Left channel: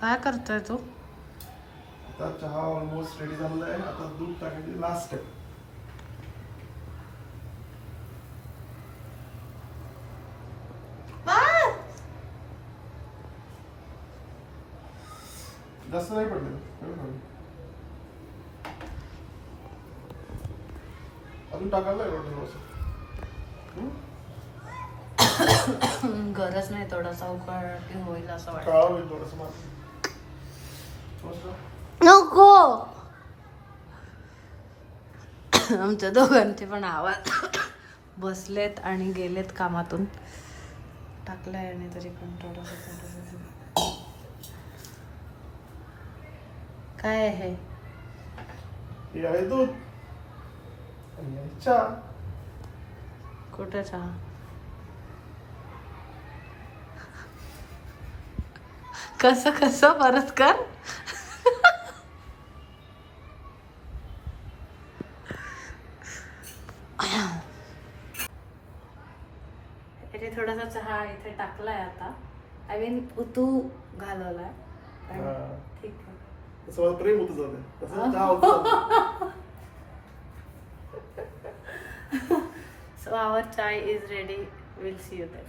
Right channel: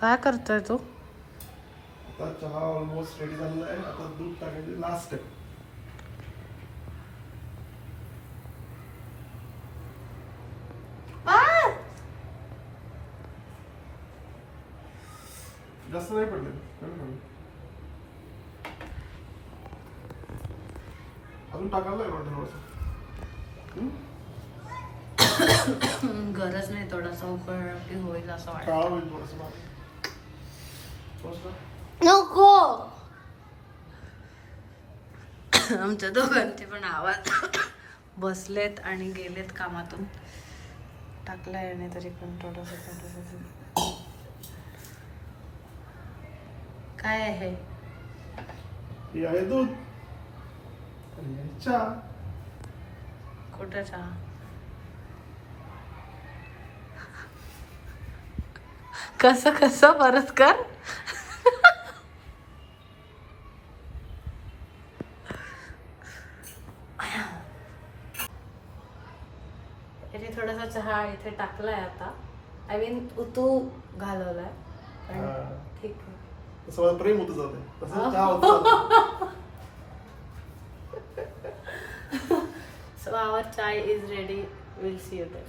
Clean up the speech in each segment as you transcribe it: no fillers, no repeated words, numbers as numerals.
काय करतोय तू? आता चहा ऑलमोस्ट रेडी झालेला आहे. आता दूध टाकायचे लास्ट आहे. जास्त नाही पडले. अजून टाकायला आहे वाटतं थोडंसं. गरज नाही, थोडासा उकळ की होईल असं वाटतं. काळा होईल थोडंसं. नको. आमच्या दोघांचे पण आवाज बसलेत आणि गेलेत कामातून. टाकलाय आणि तरी पण थोडंसं काय आहे हे आहे दूध आणि आहे चहा. कुठं चहा? कसं कसं परत कर. इथे थोडासा चहा इथे टाकलाय आता. आय मीन तू घालवलाय. ठीक आहे. तसं मला प्रेम होतं जाते. तसं चहा होतं. So our chai is ready. We'll see you then.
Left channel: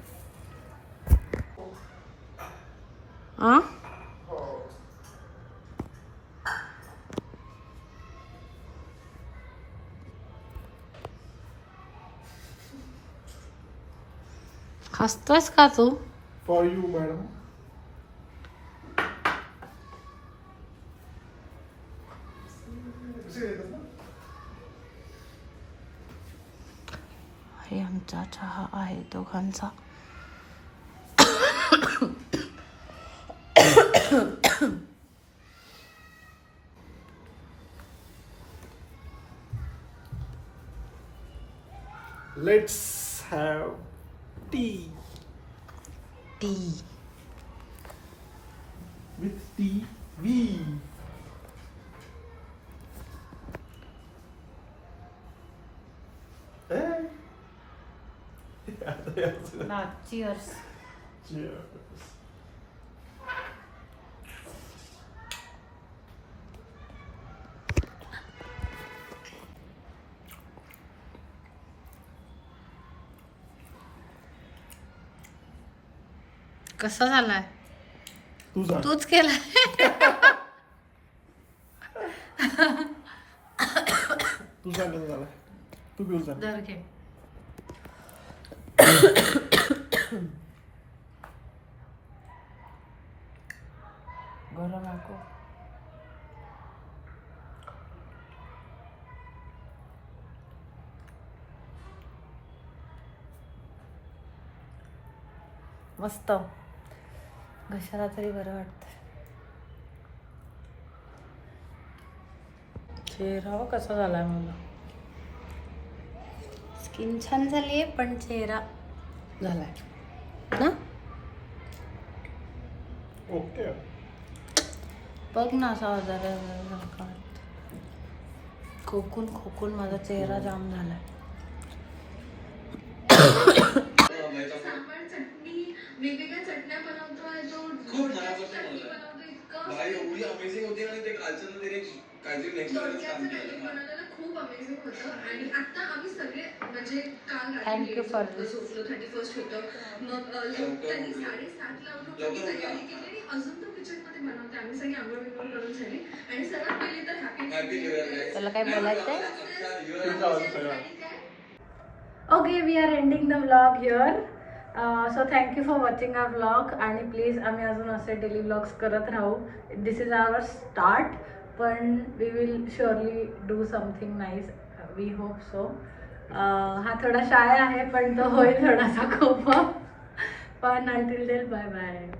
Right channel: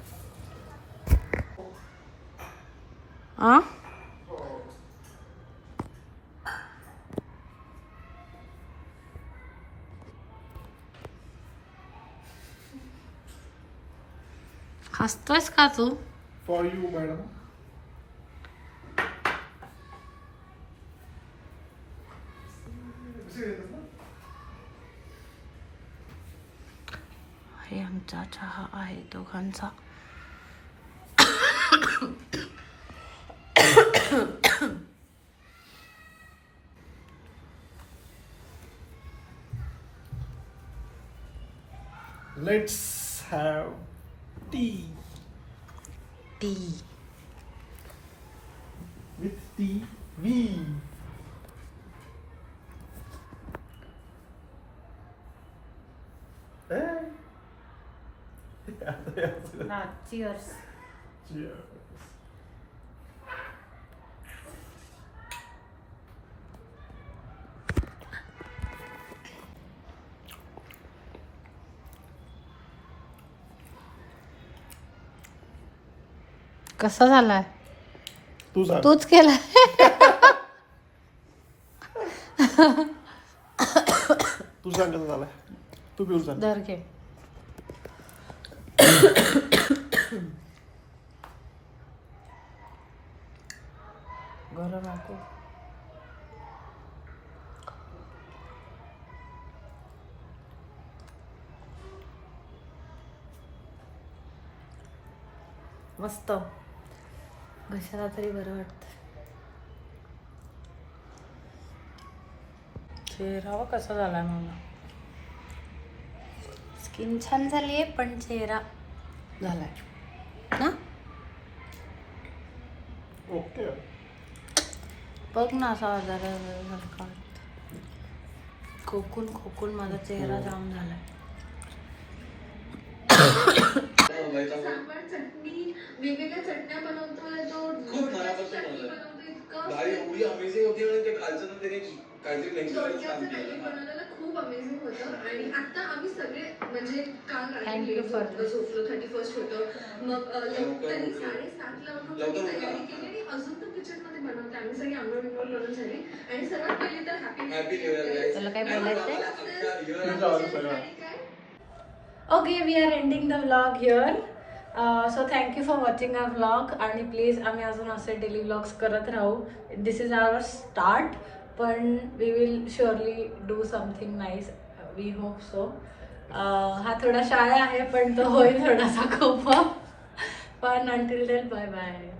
हसतोयस का तू? For you madam. हे आमचा चहा आहे दोघांचा. Let's have tea. T. With TV. Cheers. Cheers. कसा झालाय? तूच केलाय. तू सांग कसं झालं. तू पिऊन सांग. दर घे. गरम नको. मस्त. घशाला तरी बरं वाटतं. चेहरा कसा झालाय मला. स्किन छान झाली आहे पण चेहरा झालाय ना. ओके. बघ ना असा आजारासारखा वाटतं. खोकून खोकून माझा चेहरा जाम झालाय. वेगवेगळ्या चटण्या बनवतोय तो. खूप मनापासून भाई एवढी अमेझिंग होती ना ते कालचं तर त्याने काहीतरी नेक्स्ट लेवलच काम केलं. बनवलेलं खूप अमेझिंग होतं. आणि आता आम्ही सगळे म्हणजे काल थँक्यू फॉर झोपलो. 31st होतं. मग त्यांनी 7:30ला उठून तयारी केली आणि अजून तो किचन मध्ये बनवते. आम्ही सगळी आंघोळ करून झाली आणि सर्वात पहिली तर हॅपी न्यू इयर. तुला काय बोलायचंय? Okay, we are ending the vlog here. So thank you for watching our vlog. आणि प्लीज आम्ही अजून असे डेली व्लॉग्स करत राहू. This is our start. पण we will surely do something nice. We hope so. हा थोडा शाळा आहे पण तो होईल थोडासा खूप. पण अंटिल देन बाय बाय.